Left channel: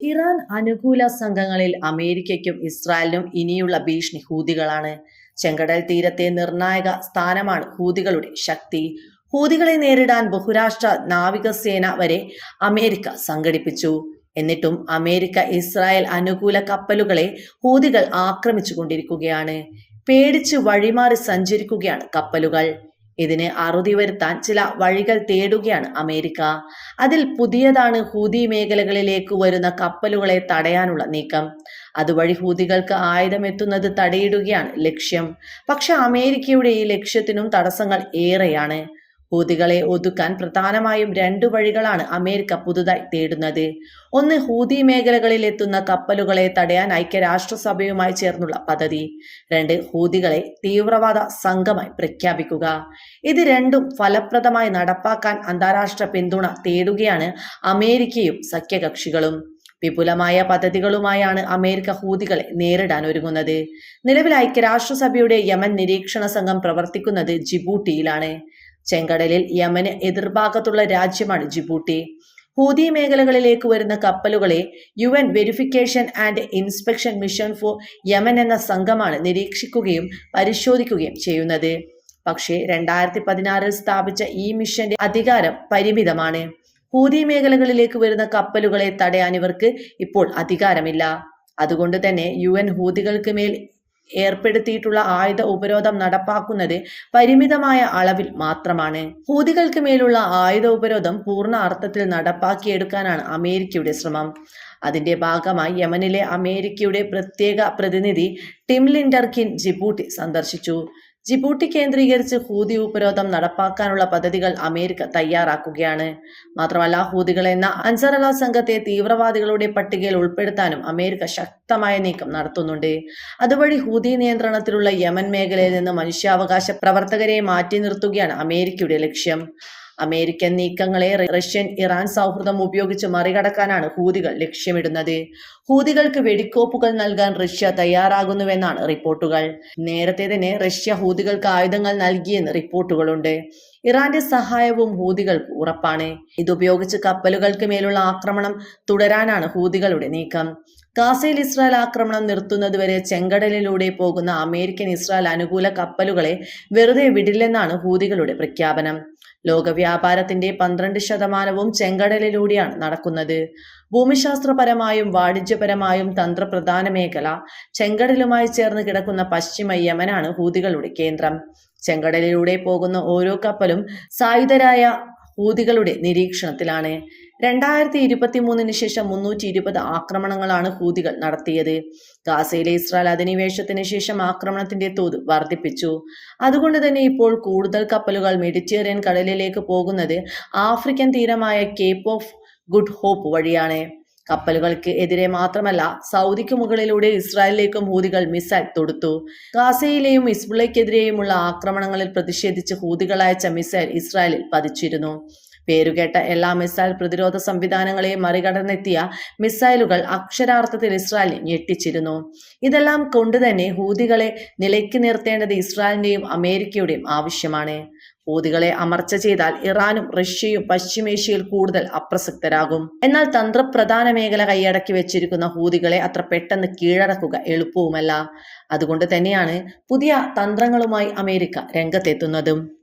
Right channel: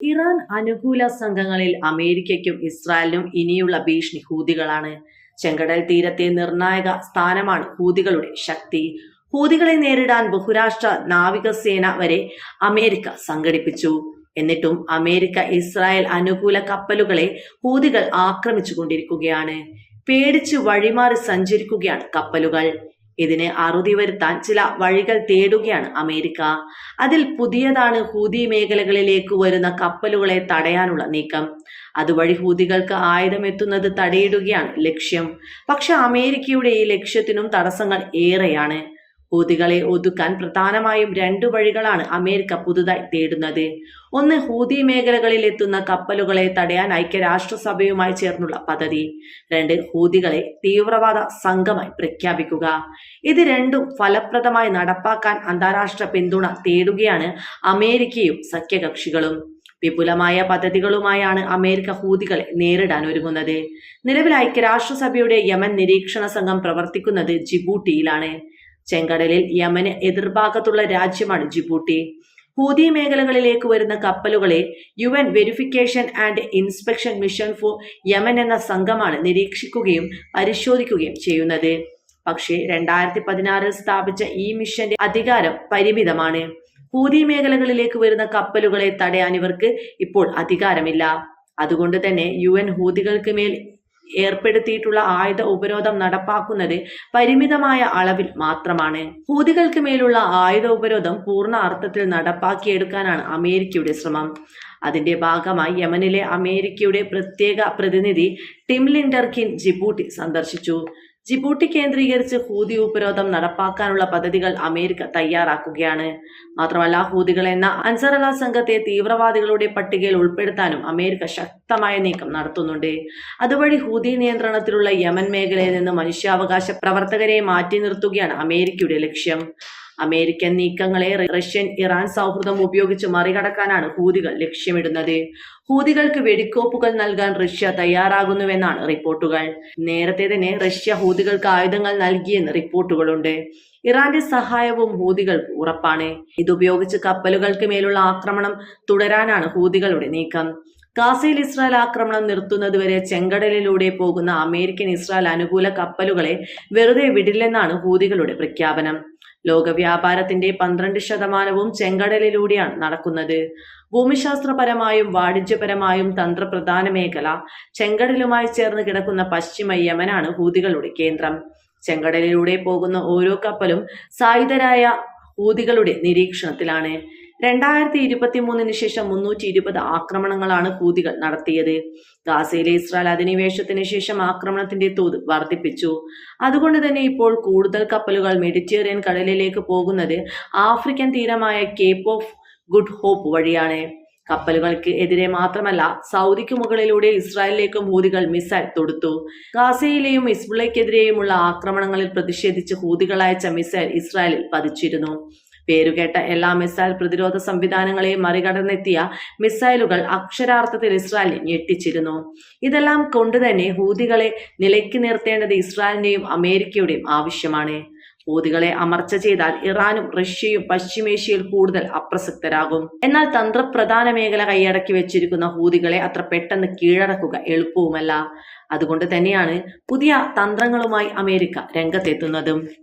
Iran അനുകൂല സംഘങ്ങളിൽ അമേരിക്കയ്ക്കും ഇസ്രായേലിനും ഇനിയുള്ള ഭീഷണി ഹൂതികളാണ്. ചെങ്കടൽ തീരത്തെ നിർണായക സ്ഥാനമാണ് ഹൂതികളുടെ ശക്തി. ഹൂതികളെ നേരിടാൻ ബഹുരാഷ്ട്ര നാവികസേന വരെ അമേരിക്ക സംഘടിപ്പിച്ചു. എന്നിട്ടും അമേരിക്ക ഇസ്രായേൽ അനുകൂല കപ്പലുകളെ ഹൂതികൾ ആക്രമിച്ചു കൊണ്ടിരിക്കുകയാണ് പേടിച്ച് വഴിമാറി സഞ്ചരിക്കുകയാണ് കപ്പലുകൾ. ഇതിന് അറുതി വരുത്താൻ ചില വഴികൾ തേടുകയാണ് അമേരിക്ക. അതിൽ പുതിയതാണ് ഹൂതി മേഖലകളിലേക്ക് വരുന്ന കപ്പലുകളെ തടയാനുള്ള നീക്കം. അതുവഴി ഹൂതികൾക്ക് ആയുധം എത്തുന്നത് തടയിടുകയാണ് ലക്ഷ്യം. പക്ഷെ അമേരിക്കയുടെ ഈ ലക്ഷ്യത്തിനും തടസ്സങ്ങൾ ഏറെയാണ്. ഹൂതികളെ ഒതുക്കാൻ പ്രധാനമായും രണ്ടു വഴികളാണ് അമേരിക്ക പുതുതായി തേടുന്നത്. ഒന്ന് ഹൂതി മേഖലകളിൽ എത്തുന്ന കപ്പലുകളെ തടയാൻ ഐക്യരാഷ്ട്രസഭയുമായി ചേർന്നുള്ള പദ്ധതി. രണ്ട് ഹൂതികളെ തീവ്രവാദ സംഘമായി പ്രഖ്യാപിക്കുക. ഇത് രണ്ടും ഫലപ്രദമായി നടപ്പാക്കാൻ അന്താരാഷ്ട്ര പിന്തുണ തേടുകയാണ് അമേരിക്കയും സഖ്യകക്ഷികളും. വിപുലമായ പദ്ധതികളുമായാണ് അമേരിക്ക ഹൂതികളെ നേരിടാൻ ഒരുങ്ങുന്നത്. നിലവിൽ ഐക്യരാഷ്ട്രസഭയുടെ യമൻ നിരീക്ഷണ സംഘം പ്രവർത്തിക്കുന്നത് ജിബൂട്ടിയിലാണ്. ചെങ്കടലിൽ യമന് എതിർഭാഗത്തുള്ള രാജ്യമാണ് ജിബൂട്ടി. ഹൂതി മേഖലകളിലേക്ക് വരുന്ന കപ്പലുകളെ U N verification and inspection mission for Yemen എന്ന സംഘമാണ് നിരീക്ഷിക്കുകയും പരിശോധിക്കുകയും ചെയ്യുന്നത്. പക്ഷേ രണ്ടായിരത്തി പതിനാറിൽ സ്ഥാപിച്ച ഈ മിഷന്റെ അധികാരം പരിമിതമാണ്. ഹൂതി മേഖലകളിലേക്ക് വരുന്ന കപ്പലുകളെ തടയാൻ ഇവർക്ക് ഇപ്പോൾ അധികാരമില്ല. അതുകൊണ്ട് തന്നെ യു എൻ ഹൂതികൾക്ക് മേൽ ഏർപ്പെടുത്തിയിട്ടുള്ള ആയുധ ഉപരോധം നടപ്പാക്കുന്നത് പരിമിതമായ അളവിൽ മാത്രമാണ്. ഹൂതികൾക്ക് മേലുള്ള ആയുധ ഉപരോധം പൂർണ അർത്ഥത്തിൽ നടപ്പാക്കിയെടുക്കാനാണ് അമേരിക്കയുടെ ശ്രമം. അതിന്റെ ഭാഗമായി യമനിലെ അമേരിക്കയുടെ പ്രത്യേക പ്രതിനിധി ടിം ലിൻഡർകിൻ ജിബൂട്ടി സന്ദർശിച്ചു. ജിബൂട്ടി കേന്ദ്രീകരിച്ച് ഹൂതി ഉപരോധം നടപ്പാക്കാനുള്ള പദ്ധതികൾ അമേരിക്ക തയ്യാറാക്കുകയാണ്. മാത്രമല്ല ഹൂതികൾ എന്ന അൻസറല സംഘത്തെ തീവ്രവാദികളുടെ പട്ടികയിൽ ഉൾപ്പെടുത്താനും അമേരിക്ക ശക്തമായ നീക്കം നടത്തുന്നുണ്ട്. അതുവഴി ഹൂതി നിയന്ത്രണത്തിലുള്ള യമൻ മേഖലയിൽ നിന്ന് മനുഷ്യാവകാശ പ്രവർത്തകരെ മാറ്റി നിർത്തുകയാണ് അമേരിക്കയുടെ ലക്ഷ്യം. അമേരിക്കൻ നീക്കങ്ങളെ റഷ്യൻ ഇറാൻ സൗഹൃദം ഉപയോഗിച്ച് മറികടക്കാനാണ് ഹൂതികൾ ലക്ഷ്യമിടുന്നത്. ഹൂതികൾക്ക് വെടിക്കോപ്പുകൾ നൽകാൻ റഷ്യ തയ്യാറാകുന്നുവെന്നാണ് റിപ്പോർട്ടുകൾ. നേരത്തെ തന്നെ റഷ്യ ഹൂതികൾക്ക് ആയുധങ്ങൾ നൽകിയെന്ന് റിപ്പോർട്ടുകളുണ്ട്. ഇറാന്റെ സഹായവും ഹൂതികൾക്ക് ഉറപ്പാണ്. ഇതുപയോഗിച്ച് കപ്പലുകൾക്ക് മേലുള്ള ആക്രമണം തുടരാനാണ് ഹൂതികളുടെ നീക്കം. ഗാസയിൽ ഇസ്രായേൽ ആക്രമണം നിർത്തുന്നതുവരെ ചെങ്കടലിലൂടെ പോകുന്ന അമേരിക്കൻ ഇസ്രായേൽ അനുകൂല കപ്പലുകളെ വെറുതെ വിടില്ലെന്നാണ് ഹൂതികളുടെ പ്രഖ്യാപനം. ലോക വ്യാപാരത്തിന്റെ പന്ത്രണ്ട് ശതമാനവും ചെങ്കടലിലൂടെയാണ് നടക്കുന്നത്. ഭൂമിശാസ്ത്രപരമായും വാണിജ്യപരമായും തന്ത്രപ്രധാന മേഖല ചെങ്കടലുമായി ചേർന്ന് കിടക്കുന്ന പശ്ചിമ യമനാണ് ഹൂതികളുടെ കേന്ദ്രം. ചെങ്കടലിലൂടെ പോകുന്ന ഓരോ കപ്പലും സായുധരായ ഹൂതികളുടെ നിരീക്ഷണത്തിലാണ്. രണ്ടായിരത്തി ഇരുപത്തി മൂന്നിന് ശേഷം മുന്നൂറ്റി ഇരുപത് ആക്രമണങ്ങളാണ് ഹൂതികൾ നടത്തിയത്. ഗാസയിലെ ഇസ്രായേൽ അധിനിവേശത്തിന് ശേഷം ആക്രമണത്തിന്റെ തോത് വർദ്ധിപ്പിച്ചു. അതുകൊണ്ട് തന്നെ ഇപ്പോൾ കൂടുതൽ കപ്പലുകൾ മെഡിറ്റേറിയൻ കടലിലേക്ക് പോകുന്നത് ആഫ്രിക്കൻ തീരമായ കേപ്പ് ഓഫ് ഗുഡ് ഹോപ്പ് വഴിയാണ്. കപ്പലുകൾക്ക് എതിരെ മാത്രമല്ല സൗദിക്ക് മുകളിലൂടെ ഇസ്രായേലിലേക്കും ഹൂതികൾ മിസൈൽ തൊടുത്തു. ഗാസയിലെയും ഇസ്ബുളയ്ക്കെതിരെയുമുള്ള ആക്രമണങ്ങളിൽ പ്രതിഷേധിച്ച് ഹൂതികൾ അയച്ച മിസൈൽ ഇസ്രായേലിൽ പതിച്ചിരുന്നു. പേരുകേട്ട എല്ലാ മിസൈൽ പ്രതിരോധ സംവിധാനങ്ങളെയും മറികടന്നെത്തിയ മിസൈലുകൾ അക്ഷരാർത്ഥത്തിൽ ഇസ്രായേൽ ഞെട്ടിച്ചിരുന്നു. ഇതെല്ലാം കൊണ്ടുതന്നെ ഹൂതികളെ നിലയ്ക്ക് നിർത്തേണ്ടത് ഇസ്രായേലിന്റെയും അമേരിക്കയുടെയും ആവശ്യമാണ്. ഹൂതികളെ അമർച്ച ചെയ്താൽ ഇറാനും റഷ്യയും പശ്ചിമേഷ്യയിൽ കൂടുതൽ അപ്രസക്തരാകും. എന്നാൽ തന്ത്രപ്രധാന മേഖല കൈയടക്കി വെച്ചിരിക്കുന്ന ഹൂതികളെ അത്ര പെട്ടെന്ന് കീഴടക്കുക എളുപ്പവുമല്ല. അതുകൊണ്ട് തന്നെയാണ് പുതിയ തന്ത്രങ്ങളുമായി അമേരിക്ക രംഗത്തെത്തുന്നതും.